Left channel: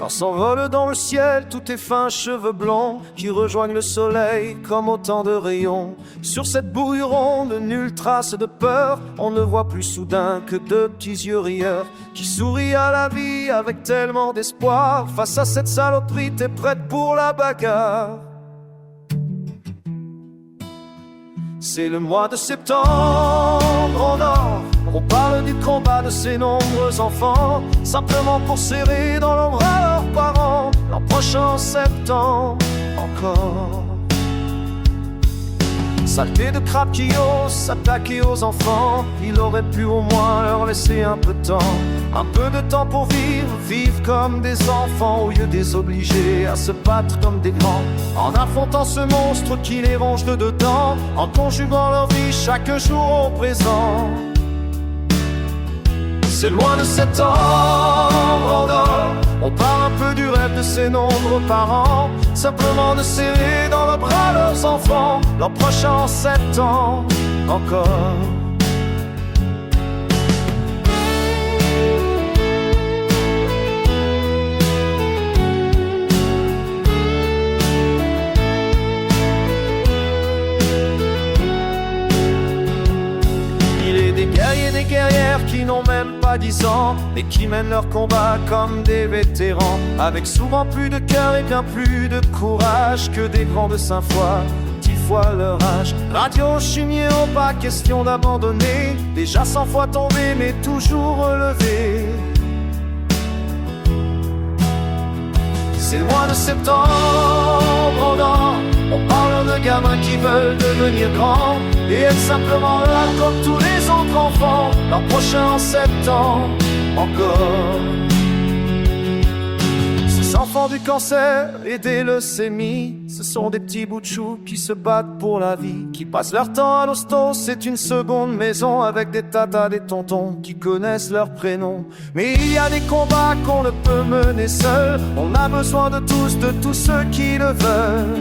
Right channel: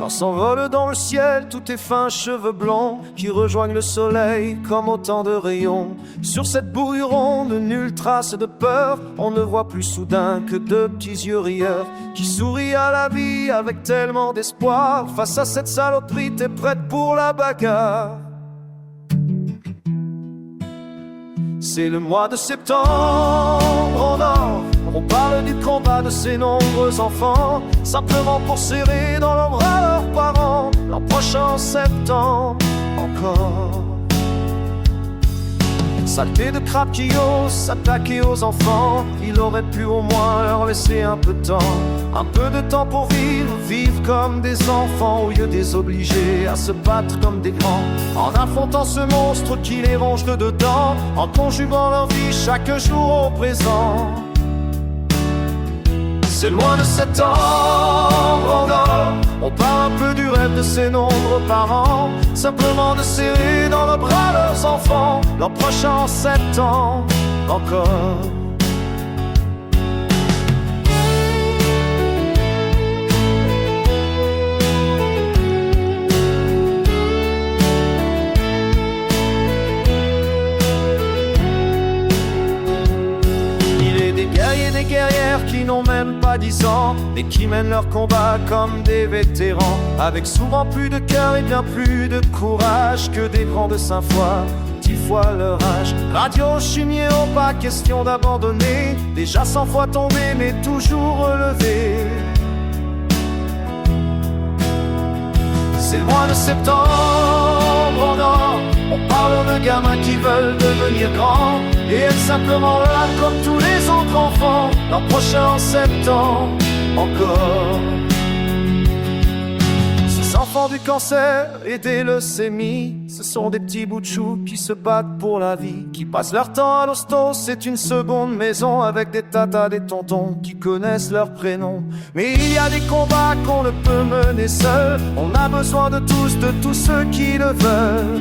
Quand s'envolent dans le ciel tous tes fins cheveux blonds qui rejoignent le soleil comme autant de rayons. Sur cette bouille ronde, nulle trace de peur, on ne voit plus soudain que de petits yeux rieurs qui sourient à la vie avec tellement d'espoir. Face à cette saloperie, t'es prête pour la bagarre. C'est le mois de septembre en or. On parle du combat de ces nombreux enfants, simplement pour serrer dans leurs bras leurs parents. L'an prochain septembre encore. Saleté de crabe qui ose s'attaquer aux enfants, il aurait pu au moins leur laisser un peu de temps. Un peu de temps pour vivre, vivre comme des enfants, au lieu de les obliger à se battre comme des grands. En affrontant ce monstre qui les ronge de dedans, en conjuguant leur vie chaque jour au présent. C'est le mois de septembre en or. On parle un peu du rêve de ces nombreux parents, simplement de serrer dans le bras leurs enfants. L'an prochain en septembre encore. Des guerriers, des guerrières qui n'ont même pas 10 ans, mais qui mènent leur combat comme des vétérans, avec souvent plus de cœur et bien plus de courage que des grands de 5 fois, 10 fois leur âge. Radio chimier, pas question d'abandonner, déjà 100 fois tombé mais toujours relevé. C'est le mois de septembre en or. On parle de gamins qui veulent devenir grands et être simplement là comme tous les autres enfants. L'an prochain en septembre encore. Ces enfants du cancer et des leucémies, ce sont des petits bouts de chou qui se battent pour la vie, qui passent leur temps à l'hosto, c'est une seconde maison avec des tatas, des tontons qui connaissent leurs prénoms. Mais il y a des combats qu'on ne peut mener seul, on a besoin de tous ceux qui le veulent.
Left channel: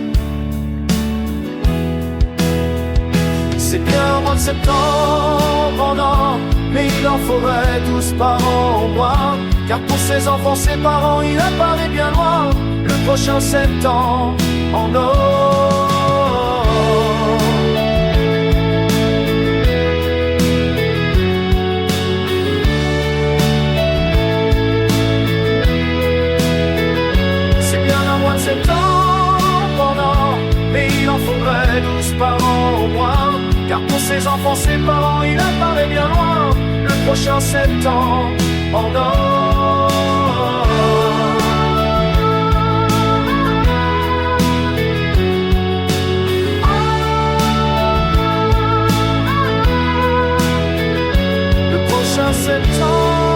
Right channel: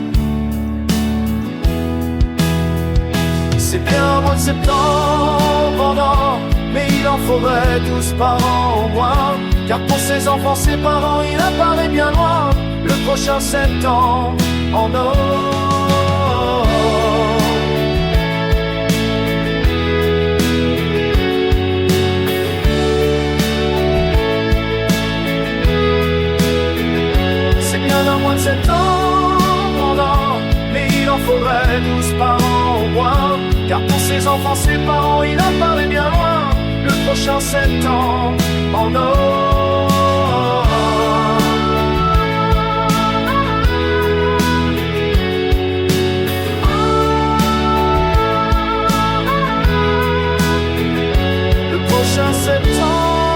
C'est bien un mois de septembre en or, mais il en faudrait 12 par an au moins, car pour ses enfants, ses parents, il apparaît bien loin. Le prochain septembre en or. C'est bien un mois de septembre en or, mais il en faudrait 12 par an au moins, car pour ses enfants, ses parents, il apparaît bien loin. Le prochain septembre en or. Le prochain septembre.